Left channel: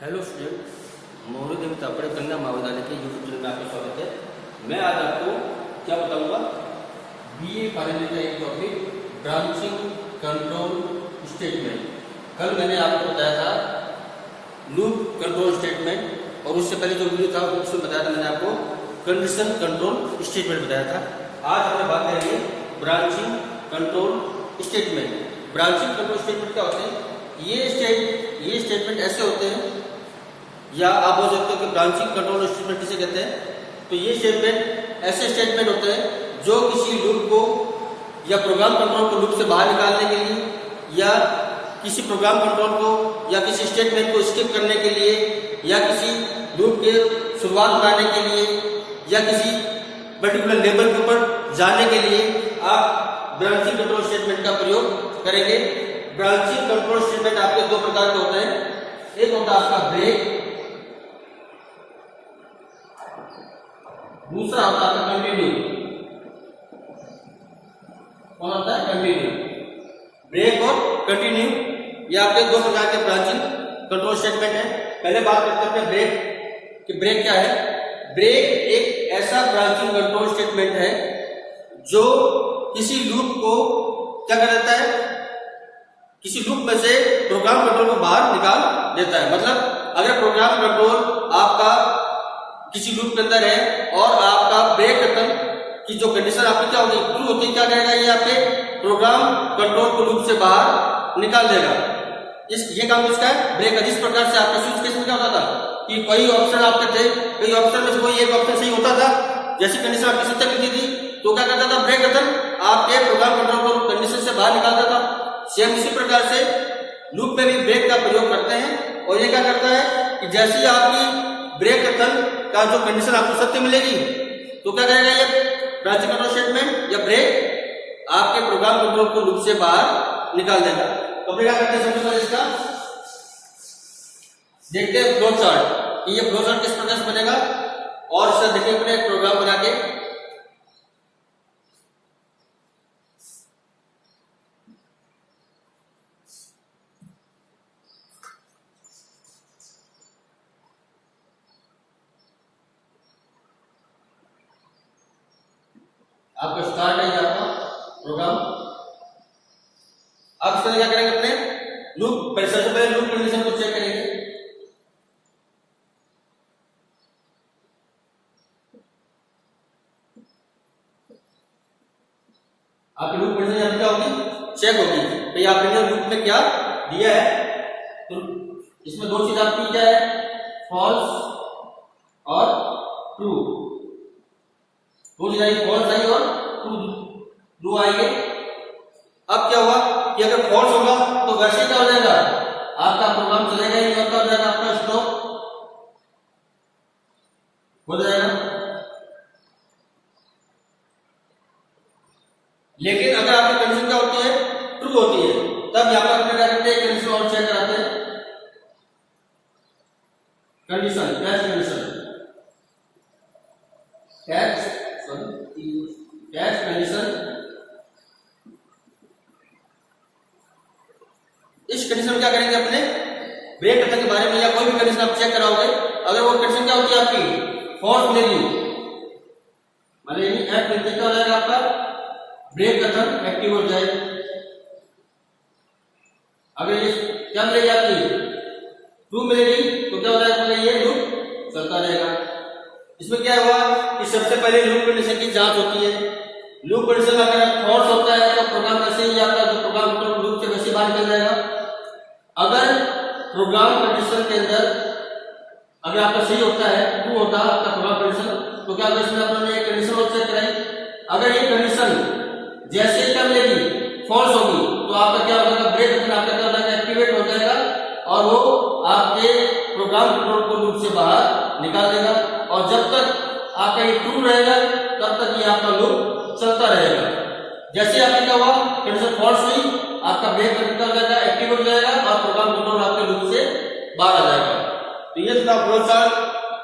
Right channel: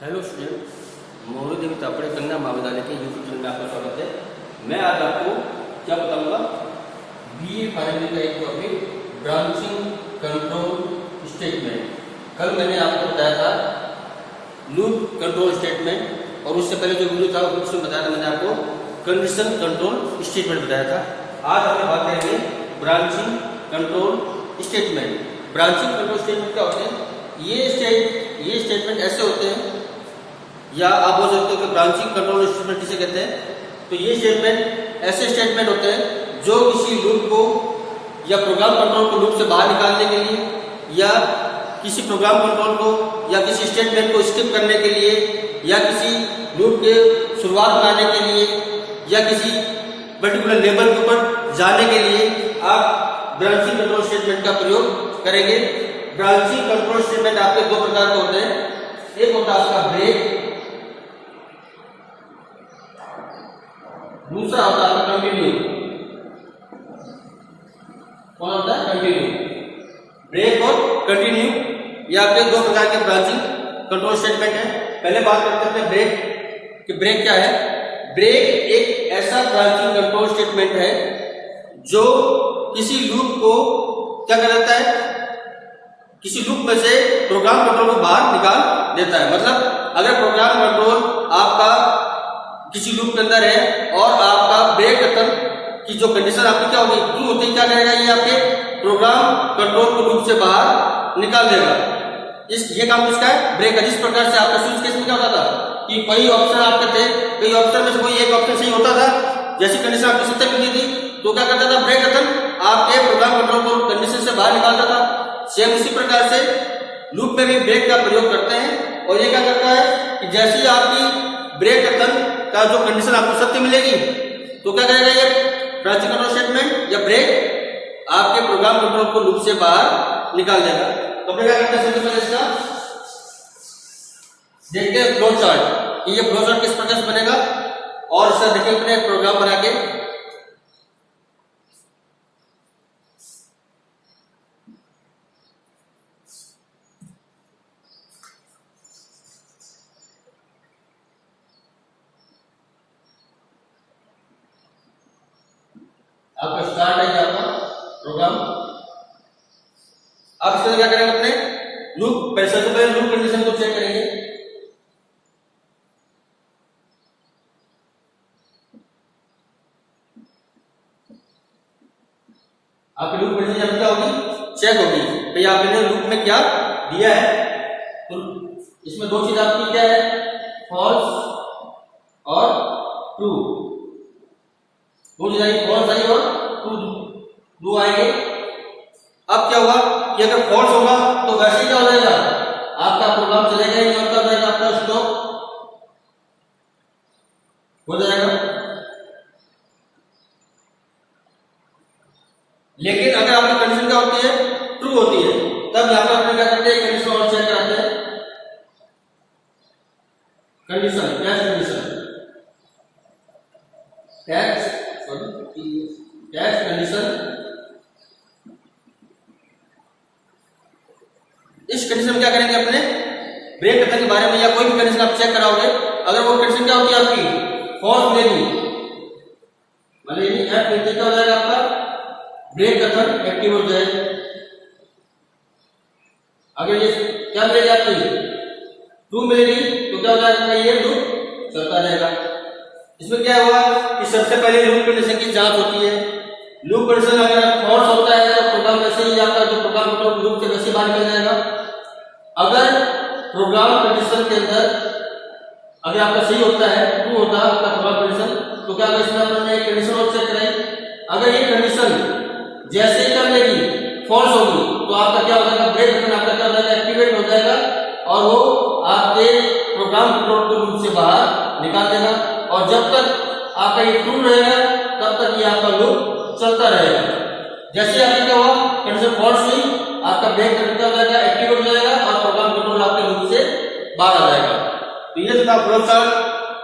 Hello student, मोहरी देवी तापड़े कन्या महाविद्यालय के यूट्यूब चैनल में आपका स्वागत है। मैं आज आपको क्या बताऊंगा, बीए फाइनल का एक टॉपिक ब्रांचिंग कंट्रोल स्टेटमेंट। कल मैंने आपको बताया था लूप कंट्रोल स्टेटमेंट, और उससे पहले जो वीडियो था उसमें बताया था मैंने आपको कंडीशन कंट्रोल स्टेटमेंट बताया था। आज हम बात करेंगे branching control statement. Branching control statement क्या होते हैं? ये स्टेटमेंट ऐसे होते हैं, या आप बोल सकते हो कि ब्रांचिंग कंट्रोल स्टेटमेंट किसे कहते हैं। तो ये स्टेटमेंट ऐसे स्टेटमेंट होते हैं जो किसी लूप को या प्रोग्राम कंट्रोल को लूप से बाहर निकालने के लिए, या किसी प्रोग्राम कंट्रोल को या किसी स्टेटमेंट को स्किप करने के लिए, या किसी लूप के शुरुआत बनाने के लिए, या किसी पर्टिकुलर लेवल के ऊपर जाने के लिए आप ब्रांचिंग कंट्रोल स्टेटमेंट का प्रयोग करेंगे। ब्रांचिंग कंट्रोल स्टेटमेंट आपके दो प्रकार के होते हैं। एक होता है आपका ब्रेक, दूसरा होता है आपका कंटिन्यू। कौन होता है? कंटिन्यू। ब्रेक और कंटिन्यू, ये आपके दो प्रकार के ब्रांचिंग कंट्रोल स्टेटमेंट है। पहले बात करते हैं ब्रेक कि ब्रेक क्या है। ब्रेक एक ऐसा ब्रांचिंग कंट्रोल स्टेटमेंट है जो किसी लूप को क्या कर देता है, किसी लूप में से प्रोग्राम कंट्रोल को बाहर निकाल देता है। मतलब अगर प्रोग्राम कंट्रोल आपका किसी लूप के अंदर है और आपका ब्रेक कथन की जो कंडीशन आपकी क्या होगी, ट्रू होती, क्या करेगा, ये आपके प्रोग्राम कंट्रोल को लूप से बाहर निकाल देगा। ये काम किसका है? ब्रेक का। जिस प्रकार से आपका स्विच केस में क्या होता था कि कई ऑप्शन आपके थे, कई ऑप्शन में से कोई एक ऑप्शन सही होता था, जैसी कंडीशन आपकी सत्य मिलती थी तो क्या करता था, ब्रेक कथन आपके प्रोग्राम कंट्रोल को कंडीशन से बाहर निकालता था। सेम उसी प्रकार से लूप में भी ब्रेक का प्रयोग करते हैं, और ये क्या करता है कि जैसे ही आपकी ब्रेक कथन का जो कंडीशन आपको सत्य मिलेगी तो क्या करेगा, ये ब्रांचिंग कंट्रोल स्टेटमेंट या ब्रेक आपके प्रोग्राम कंट्रोल को लूप से बाहर निकाल देगा। तो क्या करते हैं, सबसे पहले इसका देखते हैं फ्लो चार्ट। ये फ्लो चार्ट किस प्रकार से बनेगा, और इसका देखेंगे अपने प्रोग्राम बना के। आपका स्टार्ट है आपका प्रोग्राम। अब इसके क्या करेंगे, अपने लूप सबसे पहले लूप कंडीशन को चेक करेंगे। आपकी लूप कंडीशन यहाँ क्या होगी, चेक होगी भाई आपने लूप में क्या दिया है। तो इसमें दो चीज आपकी क्या है, फॉल्स और ट्रू। दो चीज आई, फॉल्स आई और ट्रू, दो आएंगे। अब क्या हुआ कि अगर फॉल्स होगा तो वैसे क्या हो जाएगा, आपका प्रोग्राम चलेगा ही नहीं, हो जाएगा आपका स्टॉप हो जाएगा। लेकिन अगर आपकी कंडीशन क्या होती है, ट्रू होती है, तब यहां पर अपने क्या करते हैं, कंडीशन और चेक कराते हैं। कंडीशन कैच कंडीशन इस कंडीशन में क्या करेंगे, अपने ब्रेक कथन के बारे में या कोई भी कंडीशन आप चेक कराओगे, अगर वो कंडीशन क्या होती है आपकी फॉल्स मिलेगी, मतलब क्या हो जाएगा, आपका ब्रेक कथन एक्टिव हो जाए। अगर ये क्या मिलेगी आपकी ट्रू मिलेगी तो क्या हो जाएगा, ये लूप चलता रहेगा। इसमें क्या हुआ कि सबसे पहले लूप कंडीशन की जांच होती है। लूप कंडीशन अगर फॉल्स होता है तो प्रोग्राम वैसे ही आपका जो प्रोग्राम कंट्रोल लूप से वैसे बाहर निकल जाएगा। अगर प्रोग्राम कंडीशन के अंदर अगर आपका सही होता है, ट्रू होता है आपका प्रोग्राम कंडीशन, तो क्या होगा, इसमें अपने कंडीशन और चेक कराई। अगर ये कंडीशन जैसे ही क्या मिलेगी फॉल्स होगी तो आपका क्या हो जाएगा, ब्रेक कथन आपका क्या हो जाएगा, एक्टिवेट हो जाएगा, और वो आपके प्रोग्राम कंट्रोल को लूप से बाहर निकाल देगा। और जब तक आपका ये ट्रू रहेगा तब तक ये आपका लूप चलता रहेगा। जैसे आपके क्या हुआ, कंडीशन फॉल्स हुई, आपका ब्रेक कथन क्या हो जाएगा, एक्टिवेट हो जाएगा, और प्रोग्राम कंट्रोल आपके लूप से बाहर आ जाएगा। तो ये था फ्लो चार्ट।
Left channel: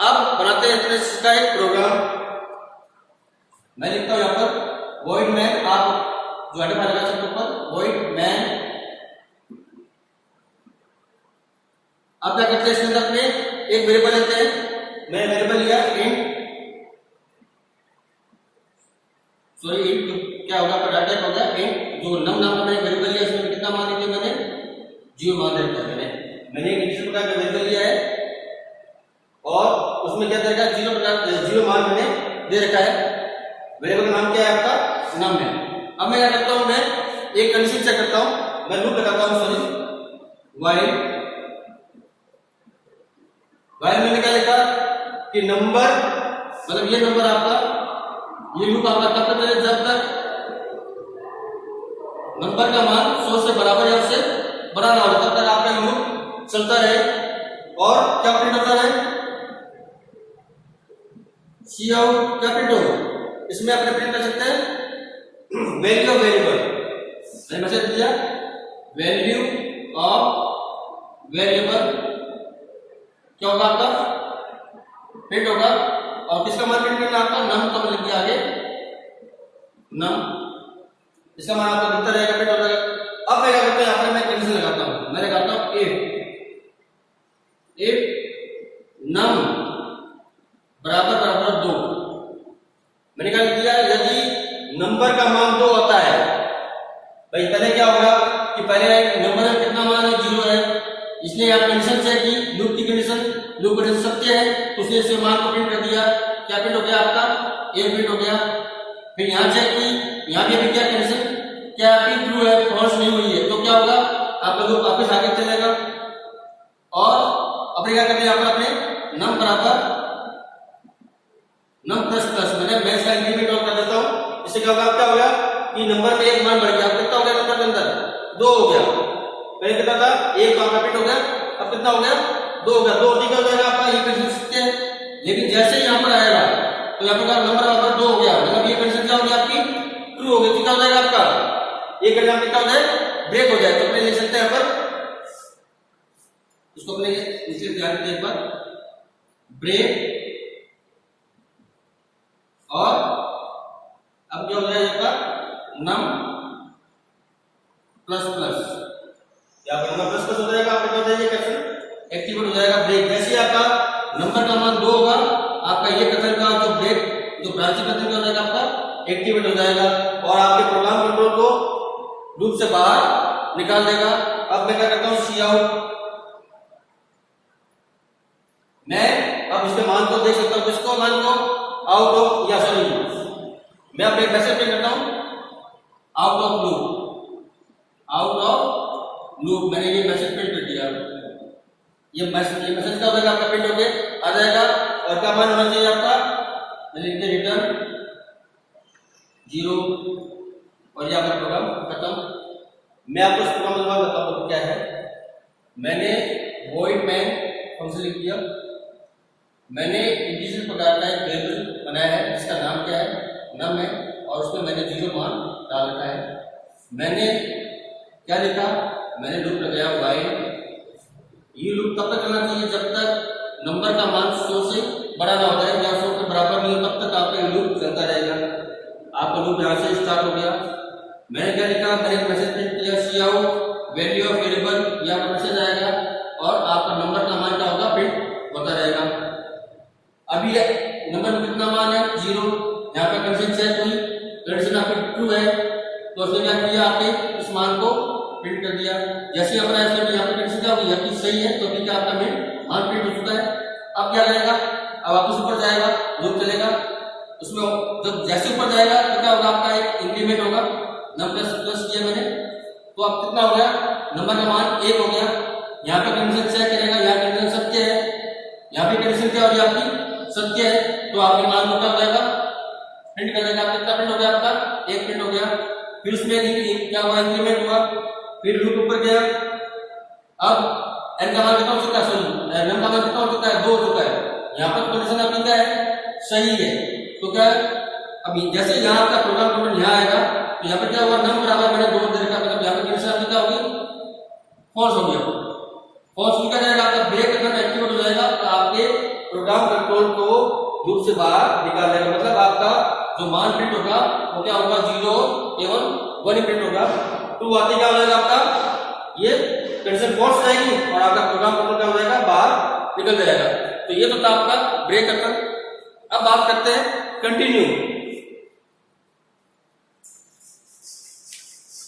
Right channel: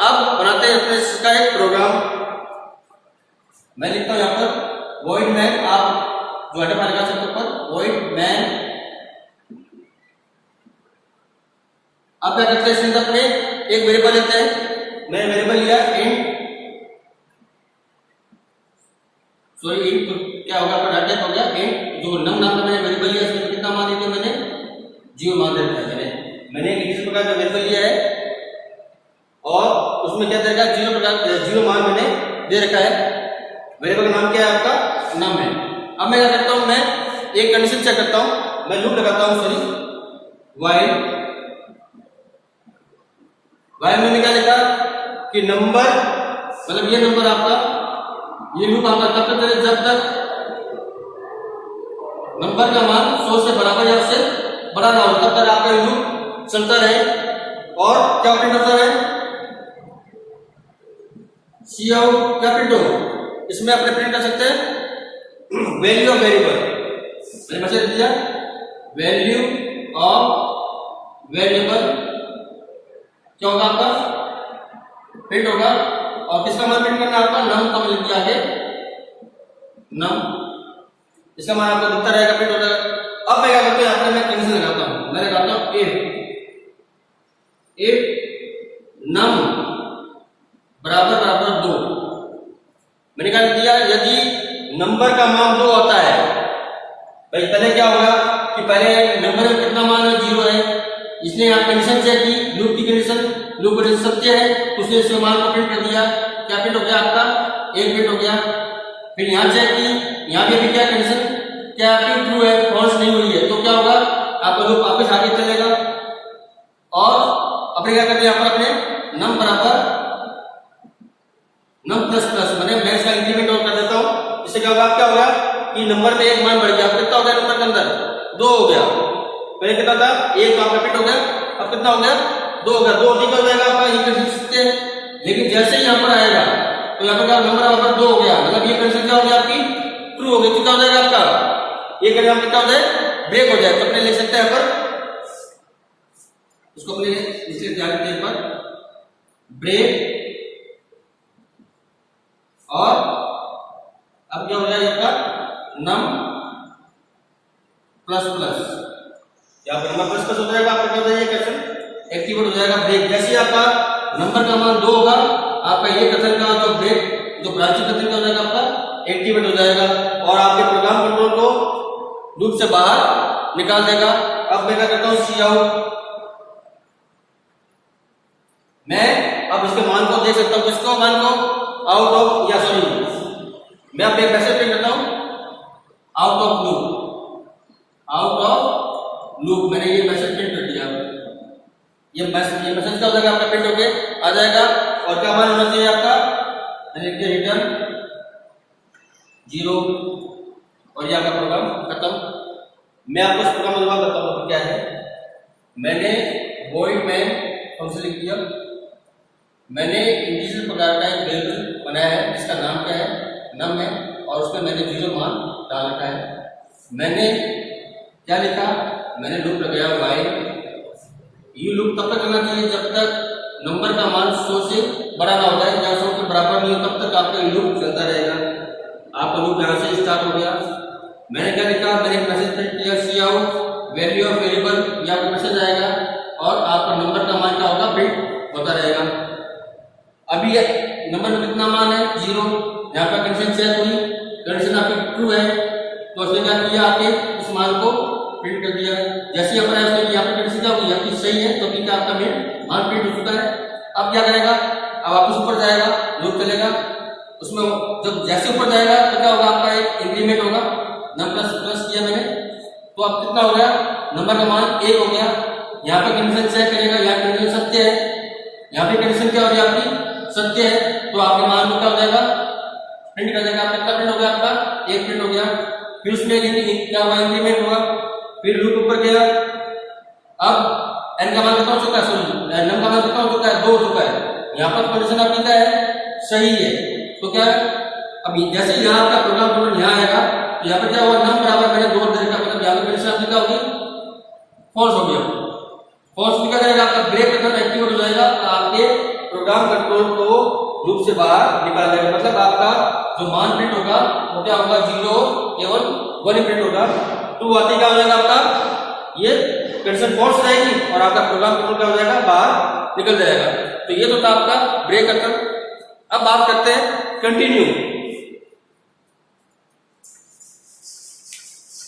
अब बनाते हैं अपने इसका एक प्रोग्राम। मैं लिखता हूं यहां पर वॉइड मैन, आप जो हेडर लगा सकते ऊपर, वॉइड मैन आप क्या करते हैं इसके अंदर अपने एक वेरिएबल लेते हैं, मैंने वेरिएबल लिया इंट, सॉरी इंट क्या होगा आपका डाटा हो गया इंट, जो नम नाम का मैंने वेरिएबल लिया इसमें कितना मान दिया मैंने 0 मान दे रखा है। मैंने इस प्रकार का वेरिएबल लिया है और उसमें क्या दे रखा है 0 मान मैंने दे रखा है। वेरिएबल का नाम क्या है आपका नम है। अब मैं क्या करता हूं, मैं एक कंडीशन चेक करता हूं, मैं लूप लगाता हूं, सॉरी वाइल मैंने क्या लिखा कि नंबर, मतलब ये नंबर आपका, ये लूप आपका तब तक चले जब तक नंबर का मान 100 से बराबर या उससे बड़ा ना हो, तब तक आपका ये लूप चलता रहे। और क्या प्रिंट होता है सी आउट, क्या प्रिंट होगा इसमें अपने प्रिंट कर सकते हैं वैल्यू ऑफ वेरिएबल, मैंने मैसेज दिया वैल्यू ऑफ वेरिएबल क्या होगा आपका प्रिंट होगा। और किसका मान प्रिंट करना है आपका नम का, लिख दिया आगे नम, इसका मान आपका दिखता रहेगा प्रिंट हो जाएगा। अब मैं क्या करता हूं यहां पर मैं कंडीशन लगाता हूं, मैं लगाता हूं इफ नम बराबर बराबर 2, मैंने क्या लिख दिया यदि नंबर का मान 2 होता है। भाई पहले क्या होगा कि पहले नंबर में कितना मान है 0 है, इसने यहाँ कंडीशन चेक की, लूप की कंडीशन, लूप कंडीशन सत्य है तो उसने इसके मान को प्रिंट कर दिया, क्या प्रिंट हो गया आपका 1 प्रिंट हो गया। फिर यहाँ चेक की, यहाँ पे भी क्या कंडीशन, क्या आपकी ट्रू है फॉल्स नहीं हुई है, तो क्या होगा आपका लूप वापस आगे चलेगा। और अपने क्या करते हैं यहाँ पर अपने नम बराबर नम प्लस प्लस, मैंने मैक्स का इंक्रीमेंट और कर देता हूँ, इससे क्या होगा क्या होगा कि नंबर में एक मान बढ़ गया, कितना हो गया नंबर के अंदर 2 हो गया, पहले कितना था 1 का रिपीट हो गया, अब कितना हो गया 2 हो गया, 2 ठीक हो जाएगा आपका ये कंडीशन सत्य है। लेकिन जैसे ही यहाँ पर आएगा तो यहाँ पर क्या नंबर बराबर 2 हो गया, मतलब ये कंडीशन क्या हो गया आपकी ट्रू हो गई, तो क्या हो जाएगा आपका ये कंडीशन कितना हो जाए ब्रेक हो जाए। तो अपने लिख सकते हैं यहाँ पर उसको अपने इसलिए ध्यान रखिए यहाँ पर ब्रेक, और अब क्या हो जाएगा आपका नम प्लस प्लस, यहाँ पर नंबर प्लस प्लस हो जाएगा, आपका क्या हो जाएगा कथन एक्टिवेट हो जाएगा ब्रेक। जैसे आपका नंबर का मान 2 होगा आपका ये कथन का जो ब्रेक जो ब्रांचिंग कथन क्या हो जाएगा आपका एक्टिवेट हो जाएगा और आपके प्रोग्राम कंट्रोल को लूप से बाहर निकाल देगा। अब मैं क्या करता हूँ सी आउट, मैं अब इसके मान को देख सकता हूँ, किसको मान को आउट ऑफ, या सॉरी मैं अब एक मैसेज प्रिंट करता हूँ out of loop, out of loop, मैंने ये मैसेज प्रिंट कर दिया। ये मैसेज क्या हो जाएगा आपका प्रिंट होके आ जाएगा और क्या मान होना चाहिए आपका, मैंने लिख दिया रिटर्न 0 और ये आपका प्रोग्राम खत्म। मैं आपको इस प्रोग्राम में बताता हूँ क्या है, मैंने void main फंक्शन लिख दिया, मैंने इंटीजर प्रकार का एक वेरिएबल बनाया है जिसका नाम क्या है नम है और उसमें मैंने 0 मान डाल रखा है। मैंने क्या लिखा, मैंने लूप लगाया while, ये लूप तब तक चलना चाहिए जब तक नंबर का मान 100 से बड़ा ना हो जाए, या 100 के बराबर नहीं हो तब तक आपका लूप चलता रहेगा। आपका लूप यहाँ से स्टार्ट हो गया। मैंने क्या लिखा, मैंने एक मैसेज प्रिंट किया सी आउट वैल्यू ऑफ वेरिएबल, ये आपका मैसेज आएगा और आपका नंबर का मान क्या होगा प्रिंट होता रहेगा। अभी नंबर में कितना मान है 0, यहाँ पर कंडीशन चेक हुई, कंडीशन आपकी ट्रू है तो उसने क्या किया आपके उस मान को प्रिंट कर दिया। जैसे यहाँ पर यहाँ पर कंडीशन क्या होगी आपकी सही है तो क्या आपका मान प्रिंट हो चुका है। अब क्या करेगा, अब वापस ऊपर जाएगा, लूप चलेगा, उसमें जब जैसे ऊपर जाएगा तो क्या होगा आपका एक इंक्रीमेंट होगा, नम प्लस प्लस किया मैंने तो अब कितना हो गया नंबर का मान 1 हो गया। यहाँ पर कंडीशन चेक करेगा, यहाँ कंडीशन सत्य है, यहाँ पे कंडीशन क्या हो गया आपकी सत्य है तो आपके मान को क्या हो जाएगा प्रिंट कर देगा। कितना प्रिंट हो गया आपका 1 प्रिंट हो गया। फिर उसमें क्या हुआ इंक्रीमेंट हुआ, फिर लूप ऊपर गया, अब n का मान कितना हो चुका है, सॉरी नम का मान कितना हो चुका है 2 हो चुका है। यहाँ पर कंडीशन आपकी क्या है सही है तो क्या है अब जैसे ही यहाँ आपका प्रोग्राम कंट्रोल यहाँ आएगा तो यहाँ पर क्या हुआ नम बराबर मैंने 2 दे रखा, मतलब यहाँ पर कंडीशन आपकी क्या होगी फॉल्स हो गया। फॉल्स लिखा जाएगा आपका ब्रेक अगर एक्टिवेट हो जाएगा तो आपके प्रोग्राम कंट्रोल को लूप से बाहर निकाल देगा, मतलब आपका जो मान प्रिंट होगा वो क्या होगा 0 केवल 1 प्रिंट होगा। तो आते क्या हो जाएगा आपका ये कंडीशन फॉल्स रहेगी और आपका प्रोग्राम कंट्रोल क्या हो जाएगा, बाहर निकल जाएगा। तो ये तो था आपका ब्रेक करता। अब बात करते हैं कंटिन्यू।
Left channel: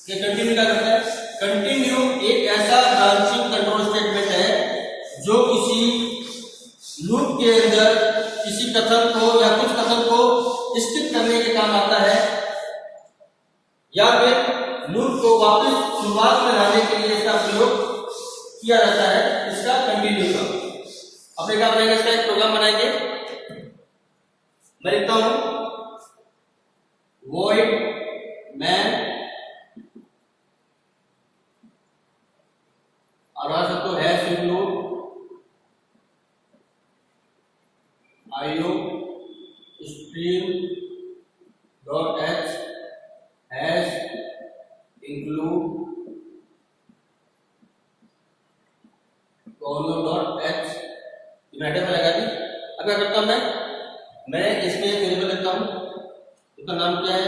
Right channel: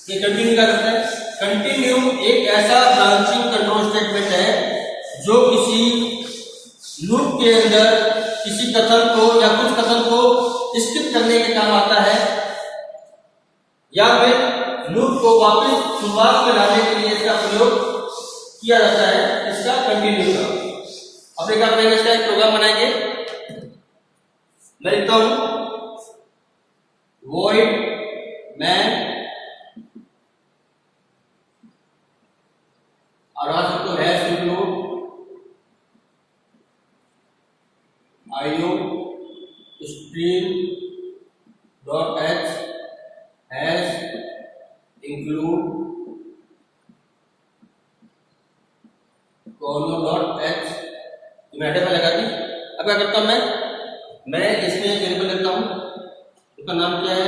ये कंटिन्यू क्या करता है? कंटिन्यू एक ऐसा ब्रांचिंग कंट्रोल स्टेटमेंट है जो किसी लूप के अंदर किसी कथन को या कुछ कथन को स्किप करने के काम आता है, या फिर लूप को वापस शुरुआत में लाने के लिए इसका प्रयोग किया जाता है, इसका कंटिन्यू का। अपने क्या करेंगे, इसका एक प्रोग्राम बनाएंगे। मैं लिखता हूं void main और आज तो hash include io stream dot h hash include कोनो डॉट h। मैं हेडर पे लगा दी। अब क्या करता हूं, मैं इसमें वेरिएबल लिखता हूं, उसका नाम क्या है,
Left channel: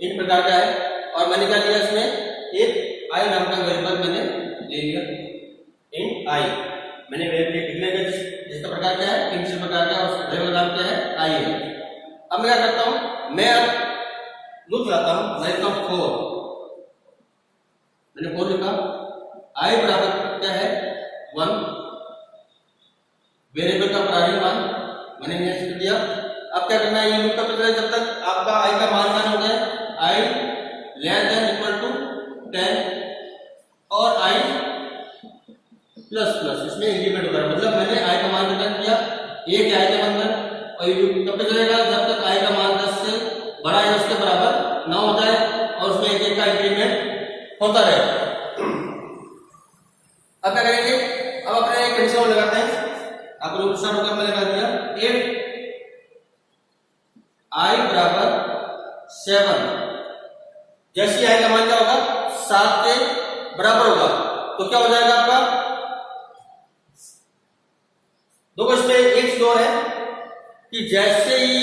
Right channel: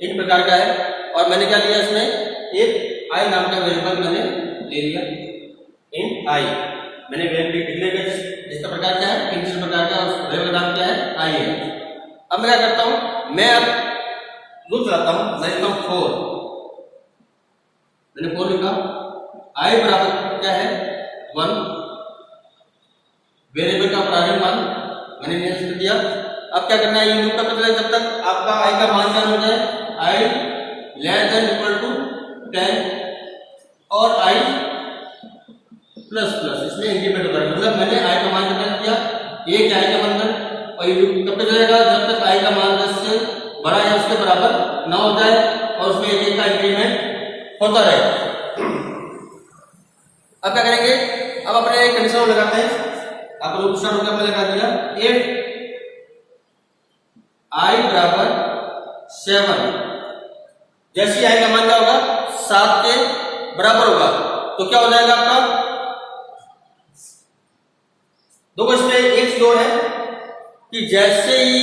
int प्रकार का है। और मैंने क्या लिया, इसमें एक i नाम का वेरिएबल मैंने ले लिया, int i। मैंने वेरिएबल डिक्लेयर किया जिसका प्रकार क्या है, इंटीजर प्रकार का, उस वेरिएबल नाम क्या है, i है। अब मैं क्या करता हूं, मैं अब लूप चलाता हूं। मैं लिखता हूं 4, मैंने 4 लिखा, i बराबर क्या है 1, वेरिएबल का प्रारंभिक मान मैंने निश्चित किया। अब क्या करना है, ये लूप तब तक जब तक आपका i का मान क्या हो जाए, i less than equal to 10 और i प्लस प्लस, इसमें इंक्रीमेंट होता है। मतलब मैंने i का मान कितना किया, 1 है i का मान, और ये लूप तब तक चलेगा जब तक i का मान 10 से बड़ा या उसके बराबर ना हो जाए और उसमें एक का इंक्रीमेंट होता रहेगा। अब क्या करेंगे, अब अपने कंडीशन लगाते हैं। आपको लूप स्टार्ट होकर मैं लगा दिया, इफ i बराबर 7, जैसे i का मान क्या होगा, 7 के बराबर होगा, तो क्या हो जाएगा आपका, देखो इसमें एक चीज और है कि जैसे ही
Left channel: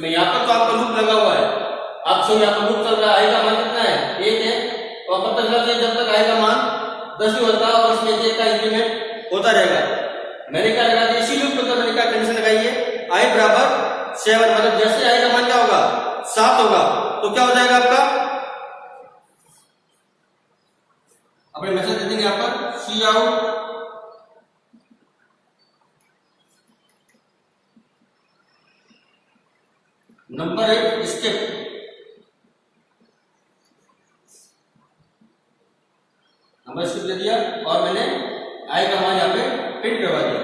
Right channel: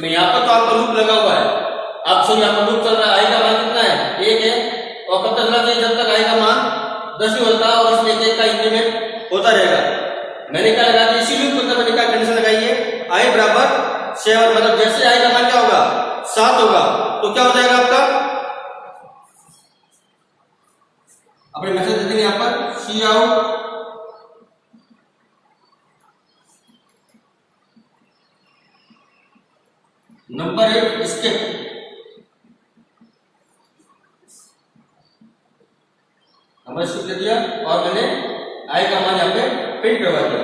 मैं यहां पर तो आपका लूप लगा हुआ है, आप सब यहां पर लूप चल रहा है, i का मान कितना है 1 है, और कब तक चलना चाहिए, जब तक i का मान 10 ही होता है और इसमें 1 का इंक्रीमेंट होता रहेगा। मैंने क्या लगा दिया, इसी लूप के अंदर मैंने क्या कंडीशन लगाई है, i बराबर 7, मतलब जैसे i का मान क्या होगा 7 होगा, तो क्या हो जाएगा आपका, अपने मैसेज दे देंगे यहां पर cout number 1 skip, number skip दे दिया और मैंने i का मान यहां पे प्रिंट करवा दिया।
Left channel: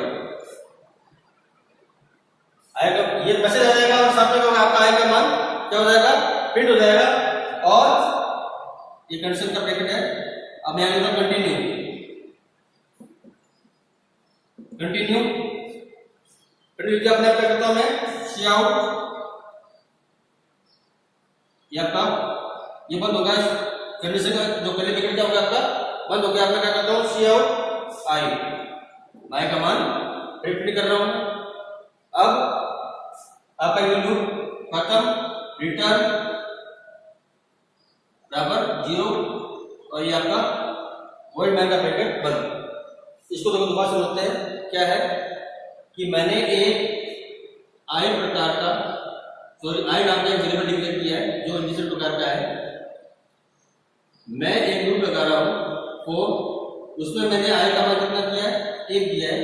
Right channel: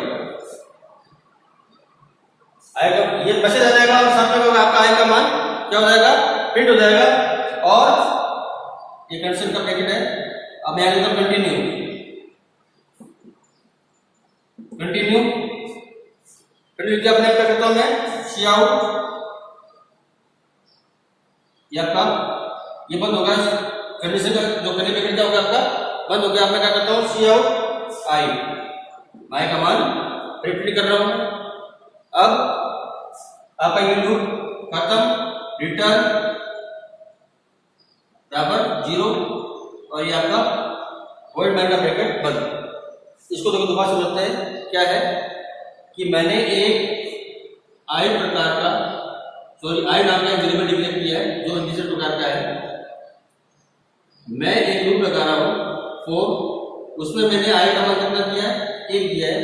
i का ये मैसेज आ जाएगा और साथ में आपका i का मान क्या हो जाएगा, प्रिंट हो जाएगा। और ये कंडीशन का ब्रैकेट है। अब मैं लिखता हूं कंटिन्यू, कंटिन्यू लिख अपने आप क्या करता हूं मैं, cout ये आपका ये बंद होगा, कंडीशन का जो करली ब्रैकेट क्या होगा आपका बंद हो गया। मैं क्या करता हूं, cout i का मान प्रिंट कर रहा हूं। अब आपका ये लूप खत्म, रिटर्न बराबर 0 और ये आपका void main का ब्रैकेट बंद। इसको तो दोबारा समझते हैं, क्या है कि मैंने एक i प्रकार का i नाम का वेरिएबल डिक्लेयर किया है जो इंटीजर प्रकार का है। मैं एक लूप लगा रहा हूं 4, उसमें मैंने i का मान कितना दिया है, 1 दिया है,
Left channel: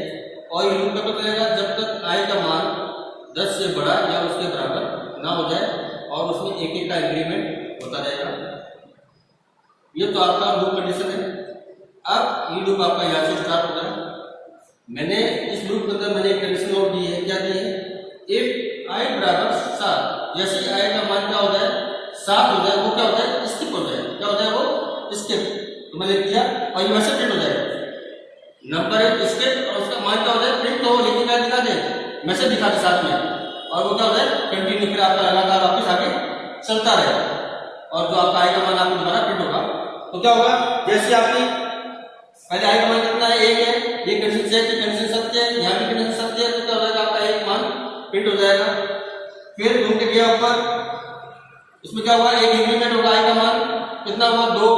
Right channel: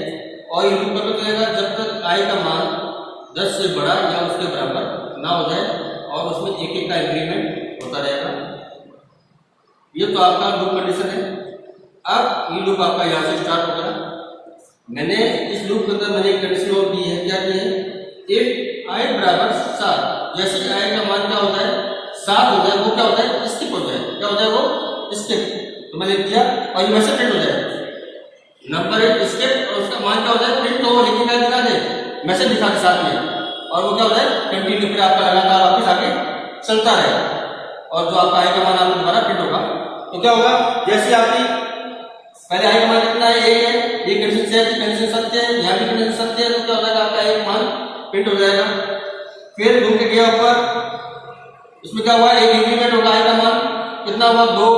और ये लूप कब तक चलेगा, जब तक i का मान 10 से बड़ा या उसके बराबर ना हो जाए और उसमें 1 का इंक्रीमेंट होता रहेगा। ये तो आपका लूप कंडीशन है। अब ये लूप आपका यहां से स्टार्ट हो गया। मैंने इस लूप के अंदर मैंने एक कंडीशन और दी है, क्या दी है, इफ i बराबर 7, जैसे i का मान क्या हो जाए 7 हो जाए, वो क्या होता है, स्किप हो जाए, क्या हो जाए वो स्किप। तो मैंने लिख दिया और ये मैसेज प्रिंट हो जाएगा, नंबर 1 स्किप, और उसका मान क्या हो जाए प्रिंट, तो लिखने का दिखा दे, मैसेज दिखा दे साथ में, और वो क्या हो जाए कंटिन्यू, फिर आपका लगातार वापस आगे चलता रहेगा। और जो आपका i का मान आपको दोबारा प्रिंट होगा, तो क्या होगा, जैसे आपकी पहले i का मान कितना है 1 है, ये कंडीशन सेट, कंडीशन सत्य है, यहां भी कंडीशन सत्य है, तो क्या हो जाएगा आपका एक मान प्रिंट हो जाएगा। फिर लूप के गया ऊपर, इसमें क्या हुआ, एक इंक्रीमेंट होगा, i का मान कितना हुआ 2,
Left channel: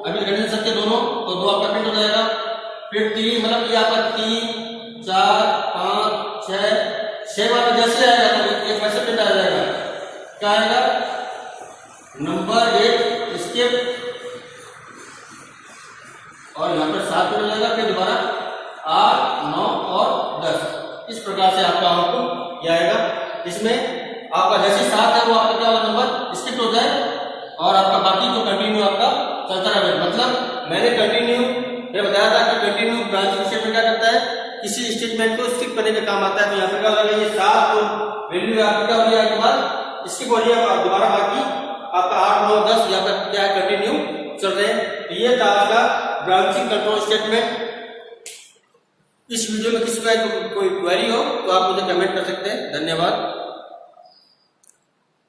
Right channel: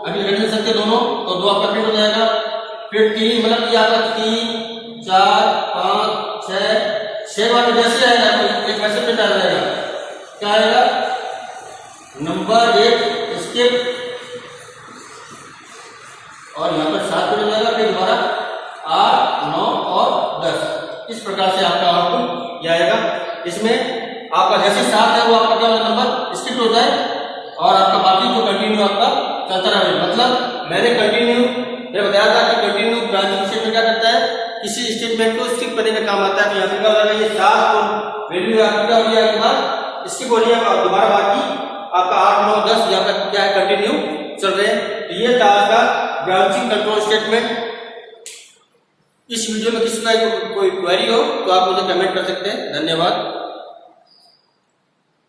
अभी रिडंडेंट संख्या दोनों, तो 2 आपका प्रिंट हो जाएगा। फिर 3 मतलब कि आपका 3 4 5 6 वाले जैसे आएगा तो एक वैसे प्रिंट आ जाएगा। क्या आएगा? नंबर 1 स्किप और यहाँ पर 7 प्रिंट हो जाएगा। फिर दोबारा 8 9 और 10 इस प्रकार से आपका आउटपुट यह आएगा। इसमें आपका जैसे 7 है वो आपका क्या वाला नंबर स्किप हो जाए और आपका बाकी तो कंटिन्यू आपका चलता रहे। मतलब मैंने बताया था कि कंटिन्यू ब्रांचिंग स्टेटमेंट क्या करता है, किसी स्टेटमेंट को स्किप करने का काम आता है। तो यहाँ पर क्या हो जाएगा, ये 7 तो वैल्यू आपकी क्या हो रही है, एक बार स्किप हो रही है और दोबारा बाकी आपका 8 9 10 यहाँ पर क्या है कंटिन्यू चल रहे हैं। तो ये था आपका ब्रांचिंग कंट्रोल स्टेटमेंट। इस वीडियो में किसी का कोई क्वेरी हो तो आप मुझे कमेंट कर सकते हैं। धन्यवाद।